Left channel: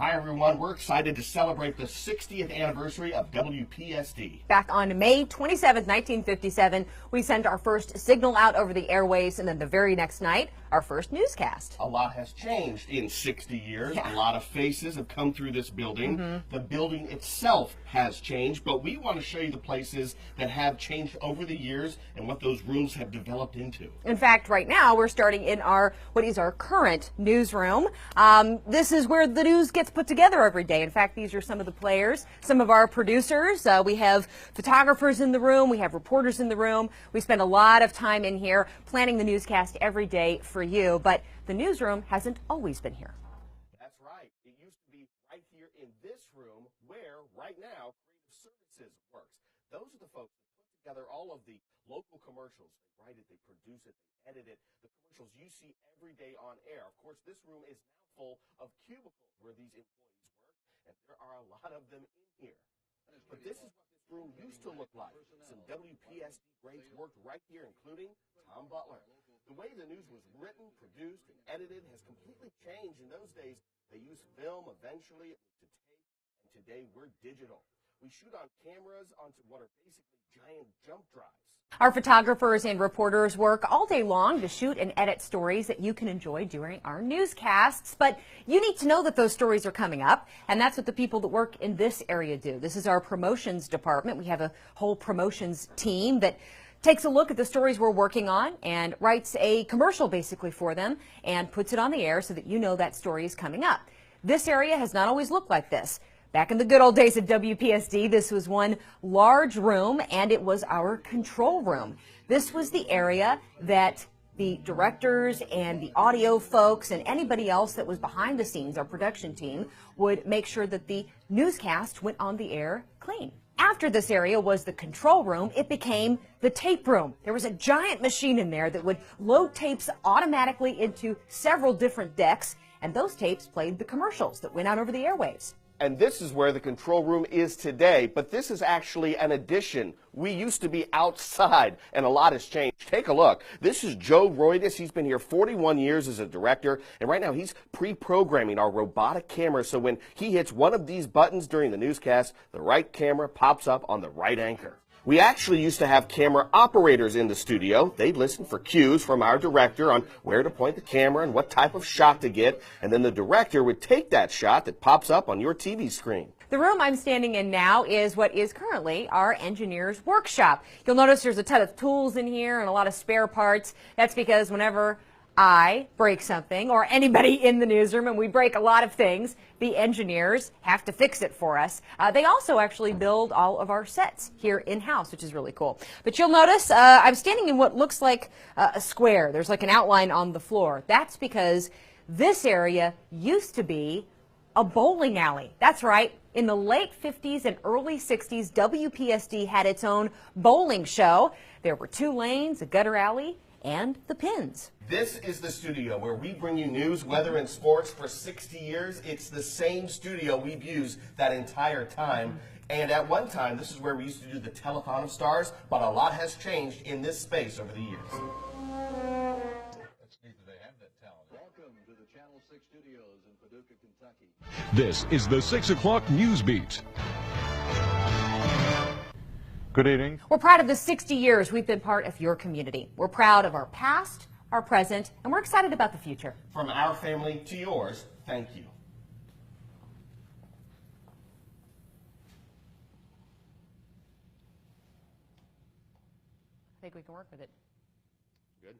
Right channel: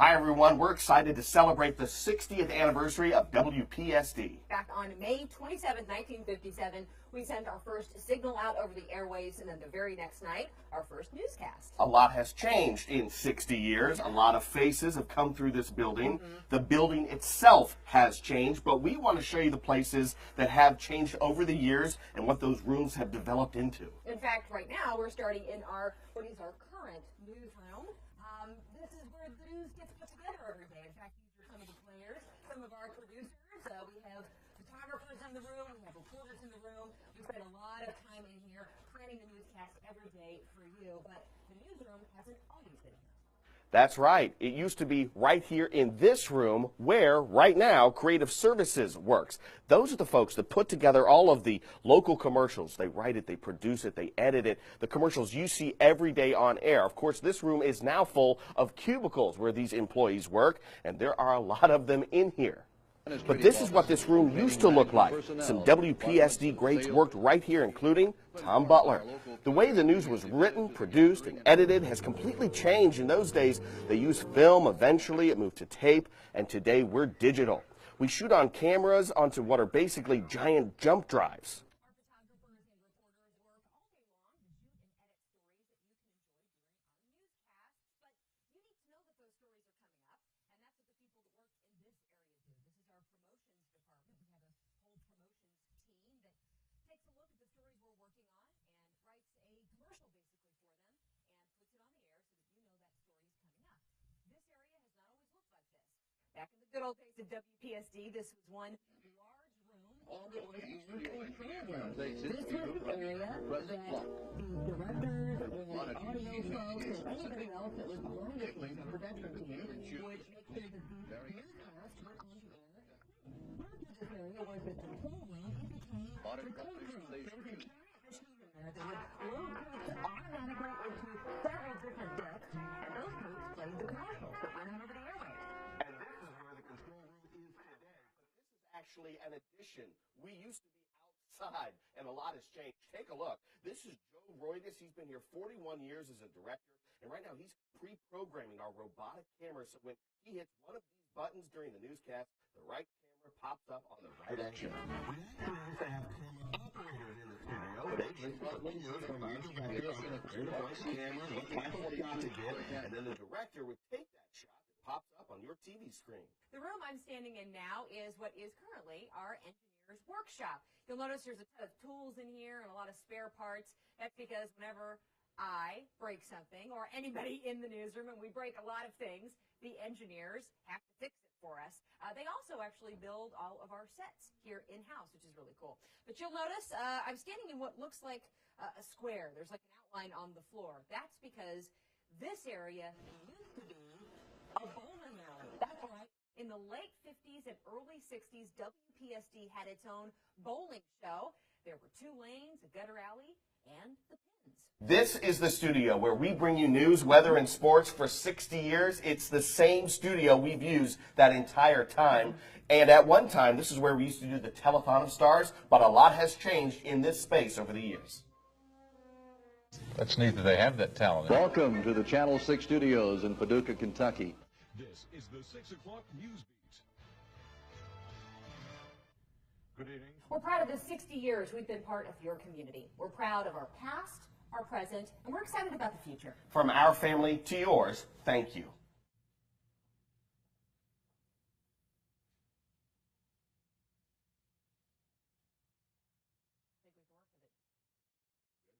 Hi everyone, we're excited to celebrate the 60th anniversary of WPSD. Back on May 27, 1957, we sent our first signal out over the airwaves, and then the very next night, our first newscast. A lot has changed in 60 years. Yeah. A lot of faces have come through this building. The building itself has changed, but we want to show you the places that have changed over the years and what those rooms have developed into. In fact, right now, we're starting in what is our current newsroom. This is where the news gets put together every day. In fact, these are some of the players, some of our producers. We have photographers in the room. We have reporters in the room. We spend a lot of time in here planning the newscast every day for you, but the newsroom hasn't always been here. That's right. It used to be right here in this room where, right now, Creative Services works. Those are the folks that put together all of the local commercials. They write it, they produce it, they edit it. The commercials you see every day on air. Of course, this room is now full of cubicles where these employees work, and there are a lot of them in here. But this is what this room used to look like. Some WPSD greats worked right here, including Tom Butler. The way the news was written, produced, and edited has completely changed. In those days, they used film. Eventually, it moved to tape, and today we're digital. We shoot on cameras onto what are basically giant jump drives. Our photographers and reporters work all day long to shoot and edit stories that you can enjoy during our newscasts. But you need to know that those stories are coming up, and that's what the people that work in this area do. This is our promotions department. We have a whole promotions team that takes a look at the stories we're working on and writes a commercial basically for them and puts it on the air so that you know that story is coming up. This area has not always looked like this. Back in the good old days at WPSD, this was one large room, and it was our control room. This was the area that the directors and the audio folks and anybody else that was behind the scenes, our production team, would make sure that the newscast went on the air clean. After this area was the control room, it became the tape room. There was a giant machine in there that would load tapes automatically into several different decks, and those tapes played the commercials that went out over the airwaves. And this is where the control room is today, but this is actually an addition. We used to be outside, and a lot has changed. Take a look. This is Joe Roydis. He's been here 41 years as a director, and right now he's pre-programming our robotic camera, so when he hits one of these buttons during the newscast, the right camera pops up on the right anchor. We actually used to have camera operators in the studio. They'd listen for cues from our director on where to point the camera and what type of shot to get, and then the director would take that shot that pops up on your TV screen. The room I'm standing in now is what is currently our engineer's workshop. You'll notice there's a ton of tools in here and a lot of spare parts. That's because whenever I break something, or anybody in the newsroom, and we break a lot of things, the engineers have to fix it for us. They also actually build all of our sets here in-house, which is really cool. But you'll notice I'm standing in what looks like a square. There's like an outline on the floor. That's because this area used to be a bowling alley. That's right. In the late 50s and early 60s, WPSD had its own bowling show. There were 2 lanes, a gutter alley, and the pins. This is the studio where we bring you news, weather, and sports for 60 years. It's the same studio we've used that entire time. And at one time, this is where we used to do the Telethon of Stars, but a lot has changed in this space over the years. That's neat that they have that talent. Welcome to the Channel 6 studios in Paducah, Kentucky. This is the 6 o'clock News Beat. Good evening. We're proud of the 60 years we've been part of your community. We're proud of our past, our present, and we're excited about the future. From our family to yours, thank you. I think we can work with it. Good.